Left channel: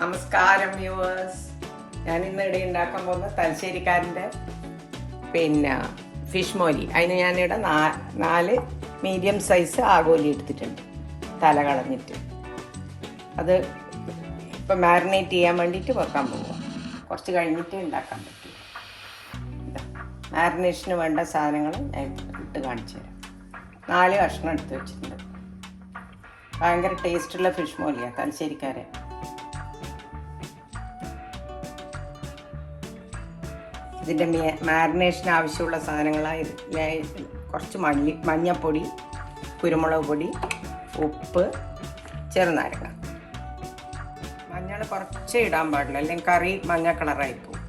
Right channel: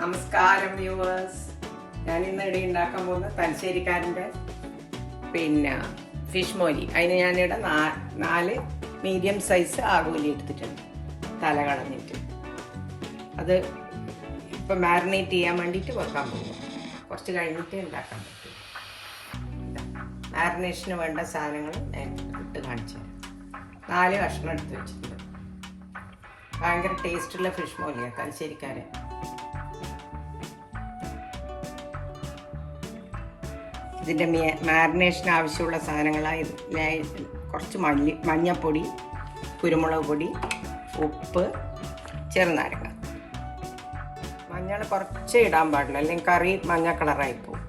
നമസ്കാരം വ്യൂവേഴ്സ്. ഞാൻ ഇന്നിടെ ഉണ്ടാക്കാൻ പോകുന്ന തലശ്ശേരിക്കാരൻ്റെ ഫിഷ് മോലി. അതിന് ഞാനിവിടെ 4 മീഡിയം സൈസ് ആഗോലി എടുത്തിട്ടുണ്ട്, തല കളഞ്ഞിട്ട്. അത് ഇപ്പം മാരിനേറ്റ് ചെയ്യാൻ വേണ്ടിയിട്ട് വെക്കാൻ പോവുക. കുറച്ച് കഴിഞ്ഞിട്ട് ഉണ്ടാക്കാൻ പറ്റും. മാരിനേഷന് വേണ്ട സാധനങ്ങൾ ഇട്ട് കാണിച്ചു തരാം. 4 കഷ്ണം എടുത്ത് വെച്ചിട്ടുണ്ട്. ഭയങ്കര ടേസ്റ്റുള്ള ഫിഷ് മോലിയാണ് തലശ്ശേരിക്കാരൻ. ഇതിൻ്റെ മാരിനേഷന് ആവശ്യമുള്ള സാധനങ്ങളായത് കുറച്ച് മഞ്ഞൾപ്പൊടി, കുരുമുളക് പൊടി, ഉപ്പ്, ചെറുനാരങ്ങ. മഞ്ഞൾ കുറച്ച് ഇടാൻ പാടില്ല, അല്ലെങ്കിൽ കറി മഞ്ഞ കളറായി പോകും.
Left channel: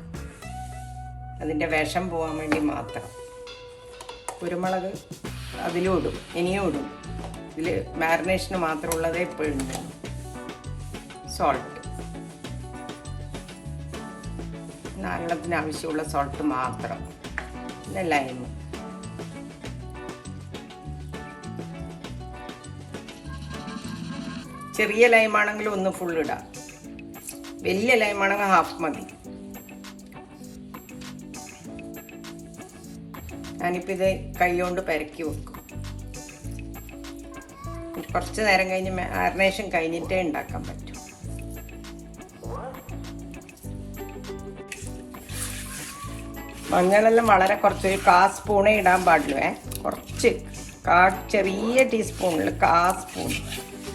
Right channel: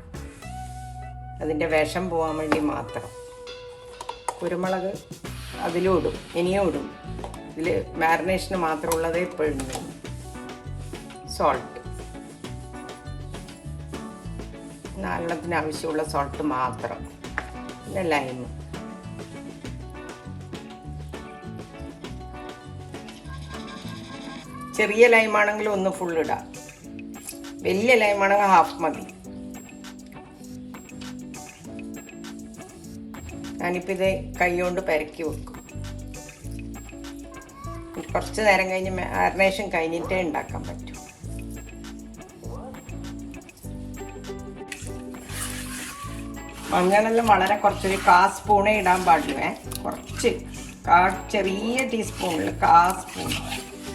അതിൻ്റെ വിഷം പോകാൻ വേണ്ടി മാത്രം. കുരുമുളക് അതിലും ഇടും, ഇനിയും ഇടും. ഇതിൽ മാരിനേഷന് മാത്രമുള്ളതേ ഇപ്പോഴും. സോൾട്ട്, നാലെണ്ണത്തിന് ആവശ്യമുള്ള സോൾട്ട് മാത്രം. പിന്നെ ലൈം. ചെറിയ ലൈമാണെങ്കിൽ ഒന്ന് ഫുൾ ഇടാം, വലിയ ലൈമാണെങ്കിൽ ഹാഫ് മതി. ഞാനിപ്പോൾ ഇത് കൈ കൊണ്ട് പെരക്കി വെക്കും. കുറച്ച് നേരം കഴിഞ്ഞ് മാരിനേഷൻ കഴിഞ്ഞിട്ടേ ഉണ്ടാക്കാൻ പറ്റും. മഞ്ഞളെല്ലാം വളരെ കുറച്ചൊരു 1/4 സ്പൂണേ ഇടാൻ പാടുള്ളൂ. കുറച്ച് ചെറിയ ടീസ്പൂണിൽ 1/4 സ്പൂൺ,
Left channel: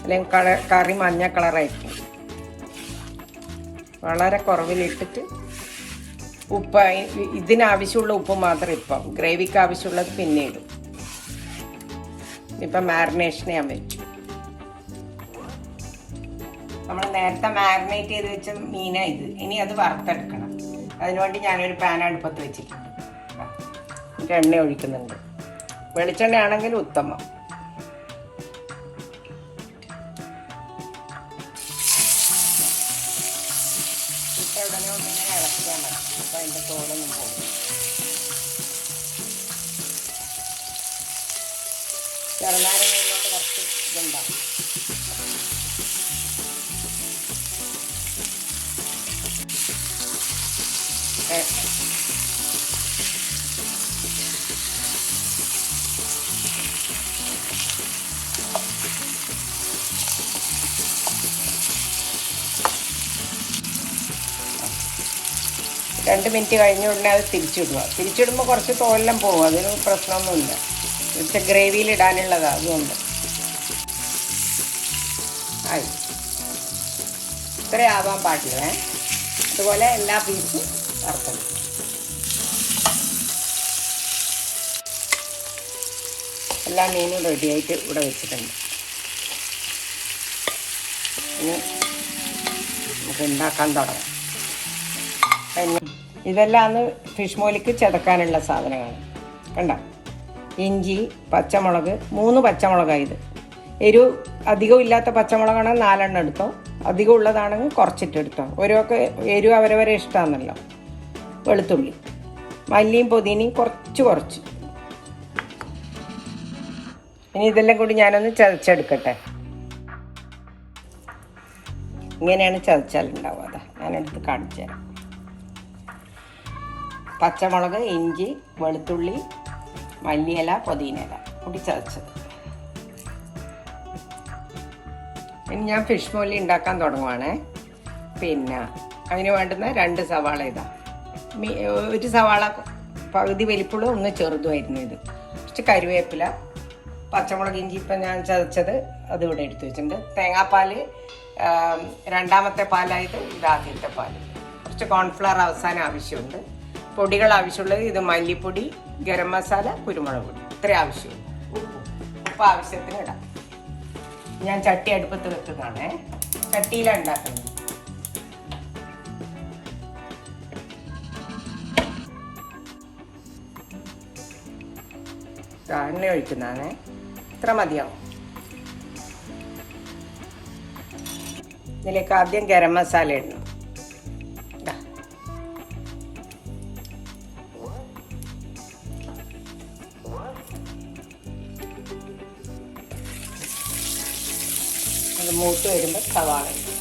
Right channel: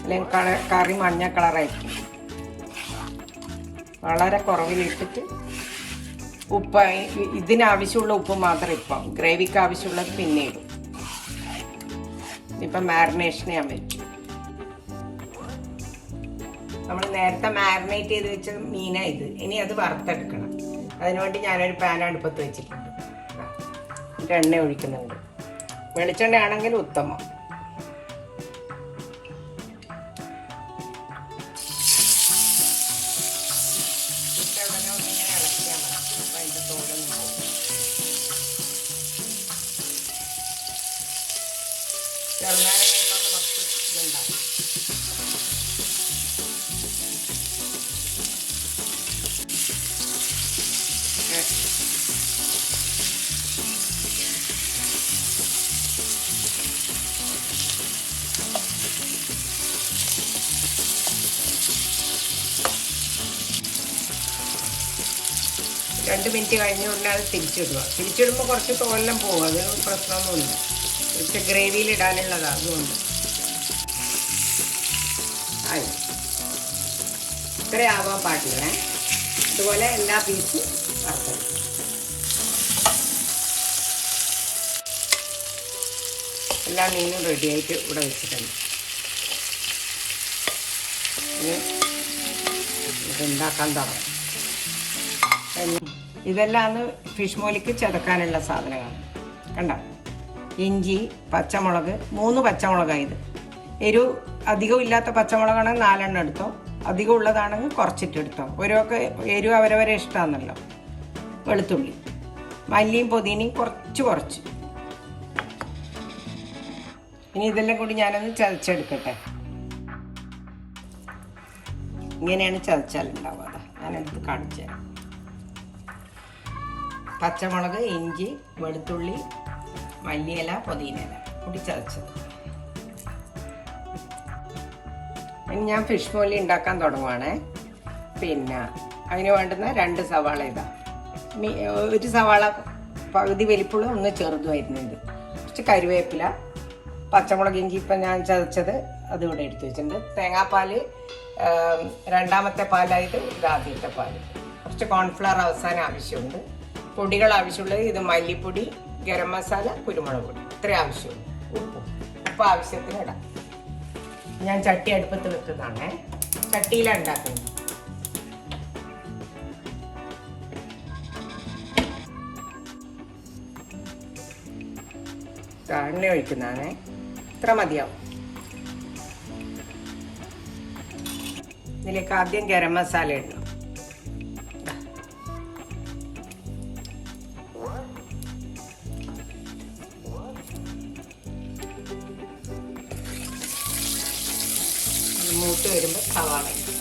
അല്ലെങ്കിൽ കറി മഞ്ഞ കളറായിരിക്കും. വളരെ കുറവിലിട്ടിട്ട് ഉപ്പ്, ഇതിനാവശ്യമുള്ള ഉപ്പ് മാത്രം ഇപ്പം, ഗ്രേവിക്ക് ആവശ്യമുള്ളത് പിന്നെ ഇടും. ഇപ്പം മാരിനേഷന് ഞാൻ വെച്ചു. നമ്മൾ നേരത്തെ മാരിനേറ്റ് ചെയ്ത് വെച്ച മീനാണ് ഇത്. ഇനി അത് വറുത്തെടുക്കണം. അതിനുവേണ്ടി ഞാനൊരു പാൻ അടുപ്പത്ത് വെച്ചിട്ടുണ്ട്. എണ്ണ ഒഴിക്കുന്നുണ്ട്. വെളിച്ചെണ്ണ ആണെങ്കിൽ ഉത്തമം. കുറച്ച് ഇതുണ്ടാവും. രണ്ട് മിനിറ്റ് കഴിഞ്ഞ ഉടനെ അത് തിരിച്ചിടുക. തിരിച്ചിടുമ്പോൾ കുറച്ച് തോലെല്ലാം പോകും, അതിന് പ്രശ്നമൊന്നുമില്ല. ഇവിടുത്തെ ഗ്രേവിയിൽ ഇടാനുള്ളതാണ്, അതുകൊണ്ട് ആയി. ഇത്രേ ആവാൻ പാടില്ല. അതുപോലെ എല്ലാ പീസും വറുത്തത്. എല്ലാ മീനും റെഡിയായിട്ട് ഇവിടെ വെച്ചിട്ടുണ്ട്. ഇനി ഇത് ഉണ്ടാക്കാൻ തുടങ്ങാം. ഇതെല്ലാം ഫിഷ് മോലിക്ക് ചതക്കാനുള്ള സാധനമാണ്. കണ്ട, ഇഞ്ചി, പച്ചമുളക്, 3 പച്ചമുളകാണ് ഇത്. എരിവ് അധികം ഇല്ലാത്ത പച്ചമുളകാണെങ്കിൽ 4 എണ്ണം എടുത്തോ, അധികം ഉള്ളതാണെങ്കിൽ കുറച്ചിട്ടെടുത്തോ. ഓരോക്കെ എരിവ് അവരവരെ ഇഷ്ടമാണല്ലോ. വെളുത്തുള്ളി, മല്ലിയും പുതിനയും കുറച്ച്. ഇനി ഇതെല്ലാം കൂടി ഞാനൊന്ന് ചതച്ചെടുക്കട്ടെ. ഇങ്ങനെയാണ് ചതച്ചാലുണ്ടാവുക. അതാ ഞാനെടുത്ത് കാണിച്ചു തരാം. പച്ചമുളക്, ഇഞ്ചി, വെളുത്തുള്ളി, മല്ലിയില, പുതിനയില കൂടി ചതച്ചത്. ഇനി ഞാൻ ഫിഷ് മോലി ഉണ്ടാക്കാൻ തുടങ്ങുവാണ്. അതിന് വേണ്ടുന്ന 2 സവാള ഇതാ. ഒരു സവാള പകുതി വലിപ്പുള്ള, ഒന്ന് ചെറുതുമായിരുന്നു ഇത്. കുറച്ച് കരുവേപ്പില, പച്ചമുളക്, ഇഞ്ചി ഇപ്പം ഞാൻ ചതച്ചത് അത് ഇവിടെ എടുത്ത് വെച്ചിട്ടുണ്ട്. തേങ്ങാപ്പാൽ 2ാമത്തെ പാലായിട്ട് ഇത് ആദ്യത്തെ പാൽ. കുറച്ച് കോൺഫ്ലവർ അവസാനം ആവശ്യമുണ്ട്. പൊടികൾ ആവശ്യമുള്ളത് ഇത് മല്ലിപ്പൊടി, ഗരം മസാല, കുരുമുളക് പൊടി, ഇത്ര ആവശ്യമുള്ളൂ. ഉപ്പ് ആവശ്യത്തിന് ഇടാം. ഞാൻ ചട്ടി അടുപ്പത്ത് വെക്കുന്നതാണ്. ചട്ടിയിലാണ് ഉണ്ടാക്കുന്നത്. എണ്ണ ഒഴിക്കുന്നതാണ്. ഇത്ര മതിയാവും. ഇതിലേക്ക് ആദ്യം ഗരം മസാല ഇടണം. മൂത്ത് വരുമ്പോൾ സവാള ഇടും.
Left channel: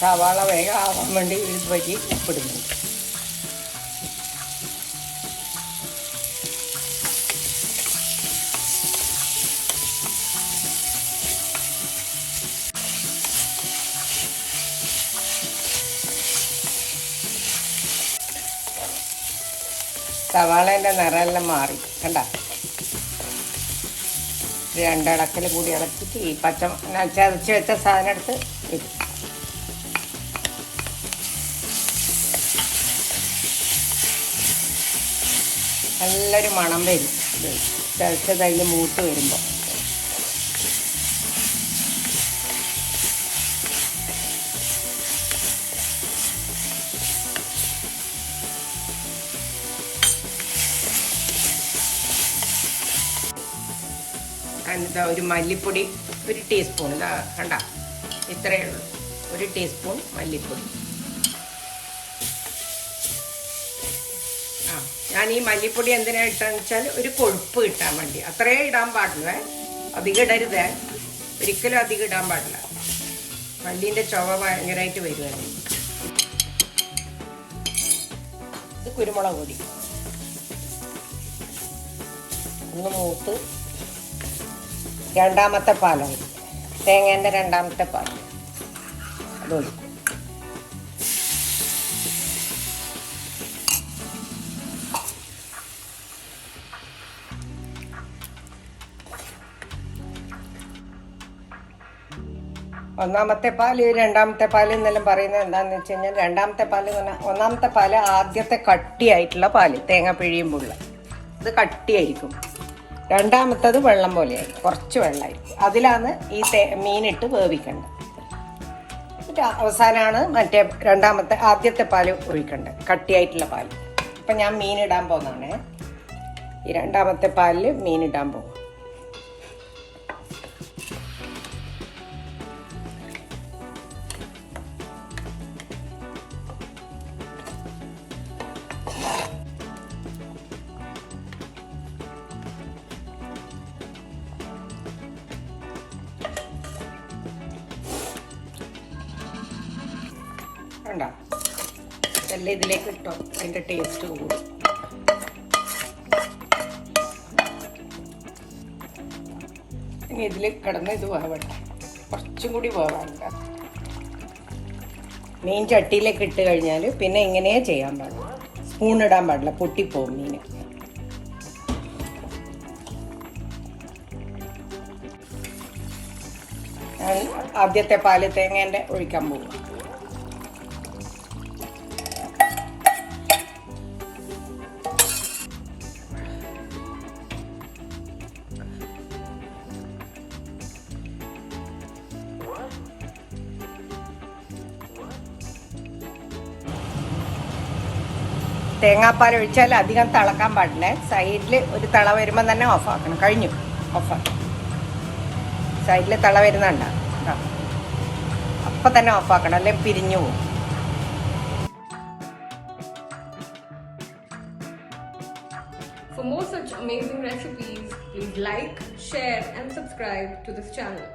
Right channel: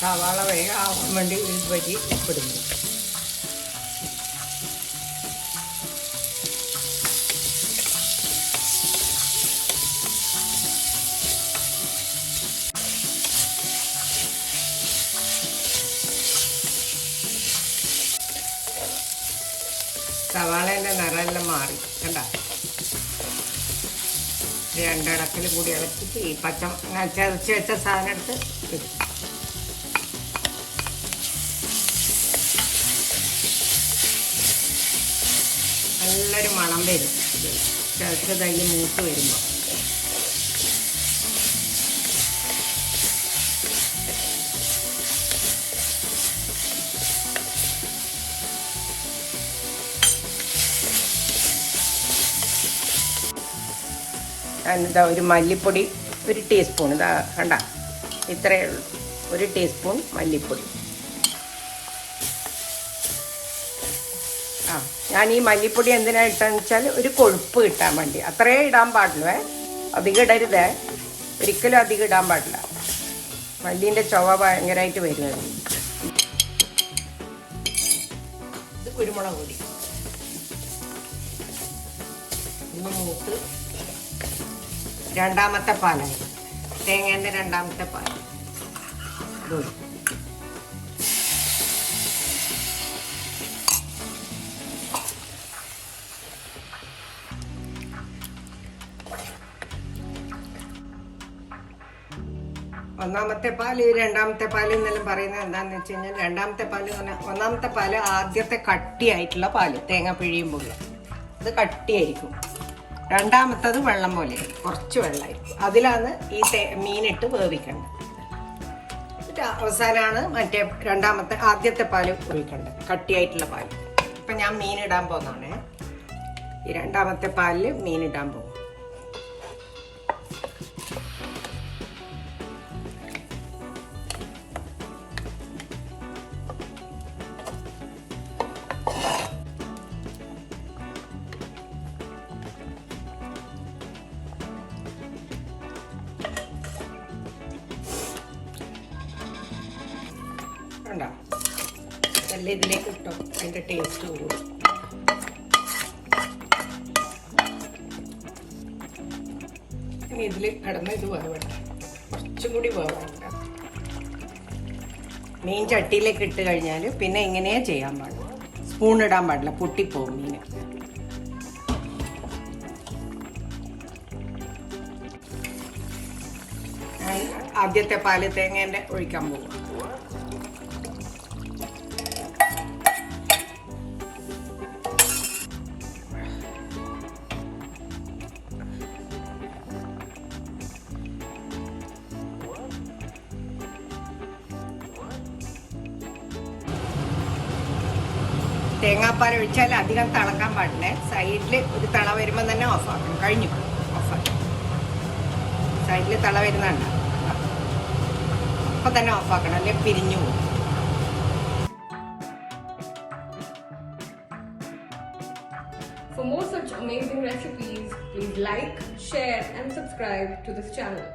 സവാള വേഗം ആവാൻ വേണ്ടി ഒരു വരി ഉപ്പിടുന്നു. സവാളേൻ്റെ നിറമെല്ലാം മാറി കണ്ട. രണ്ടിടക്കിൽ കൂടി ഇളക്കിയിട്ട് ഈ ചതച്ച് വെച്ച സാധനം എടുത്ത് വെച്ചു. നല്ലൊരു മണം വരും ചതച്ച് കഴിഞ്ഞ് മൂത്ത് വരുമ്പോൾ. ഞാനിതാ ഒരു മല്ലിപ്പൊടി 1 ടീസ്പൂൺ, ഇതാ കണ്ട ഇത്രയേ ഉള്ളൂ, 1 ടീസ്പൂൺ മല്ലിപ്പൊടി. ഞാൻ ഈ മല്ലിപ്പൊടി എന്തിനാണ് ഇട്ടാന്ന് വെച്ചാൽ ഒരു കൊഴുപ്പ് കിട്ടാൻ വേണ്ടി. അത്രയേ ഇടാൻ പാടുള്ളൂ, അധികം ഇടരുതേ, ഒരിക്കലും അധികം ഇടാൻ പാടില്ല. മല്ലീൻ്റെ ചുവ ഭയങ്കരമായിട്ട് വരികയാണ്. ഇത് കുരുമുളക് പൊടി ഒന്ന് മൂത്ത് രണ്ടാമത്തെ പാലാണ്, തേങ്ങേൻ്റെ രണ്ടാമത്തെ പാൽ ഇതൊഴി. ഒന്നാമത്തെ പാല് രണ്ടാമത്തെ പാല് എന്നെല്ലാം പറയുന്നത് എന്താണെന്ന് വെച്ച് കഴിഞ്ഞാൽ, രണ്ടാമത്തെ പാല് എന്ന് പറഞ്ഞാൽ ഒന്നാമത്തെ പാല് ആദ്യത്തെ കട്ടിയായിട്ടുള്ള പാല്, തേങ്ങ പിഴിയുമ്പോൾ ഇത് കട്ടിയായിരിക്കും. രണ്ടാമത്തത് വെള്ളം പോലെയായിരിക്കും, കുറച്ച് വെള്ളമായിരിക്കും. അതിലാണ് ഈ മീനിട്ട് വേവിക്കേണ്ടത്. അവസാനമാണ് മറ്റേ ആദ്യത്തെ പാല് ഒഴിക്കേണ്ടത്, കട്ടിയായിട്ടുള്ള പാല്. ഇപ്പം ഞാൻ മീനിടാൻ പോകുന്നതാണ്. ഈ രണ്ടാമത്തെ പാലിൽ മീനിടാൻ പോകും. ഇതിലേക്ക് ഇട്ടോ, അതിൻ്റെ ടേസ്റ്റ് കൂടും. ഇനി ഇതിൽ കിടന്ന് ഇത് വേവട്ടെ, കുറച്ചും കൂടി വേവാണ്ട. മീൻ ചട്ടിയിലേക്ക് ഇട്ട് കഴിഞ്ഞാൽ പിന്നെ ഇങ്ങനെയേ ചെയ്യാൻ പാടില്ല, സ്പൂൺ ഇടാൻ പാടില്ല, പൊട്ടിപ്പോവും മീൻ. ആദ്യത്തെ പാല് തേങ്ങേൻ്റെ ഒഴിക്കാൻ പോകും. തേങ്ങാപ്പാൽ ഒഴിച്ചാൽ അധികം തിളക്കാൻ പാടില്ല. സൈഡിൽ ഒരു തിള വരുമ്പോൾ തന്നെ ഓഫാക്കണം. കഴിഞ്ഞു, ഓഫാക്കി. സൈഡിൽ തിള വരുന്നുണ്ട, അപ്പം തന്നെ ഓഫാക്കണം, അല്ലെങ്കിൽ പിരിഞ്ഞു പോകും. For more such amazing recipes, please like, share and subscribe to this channel.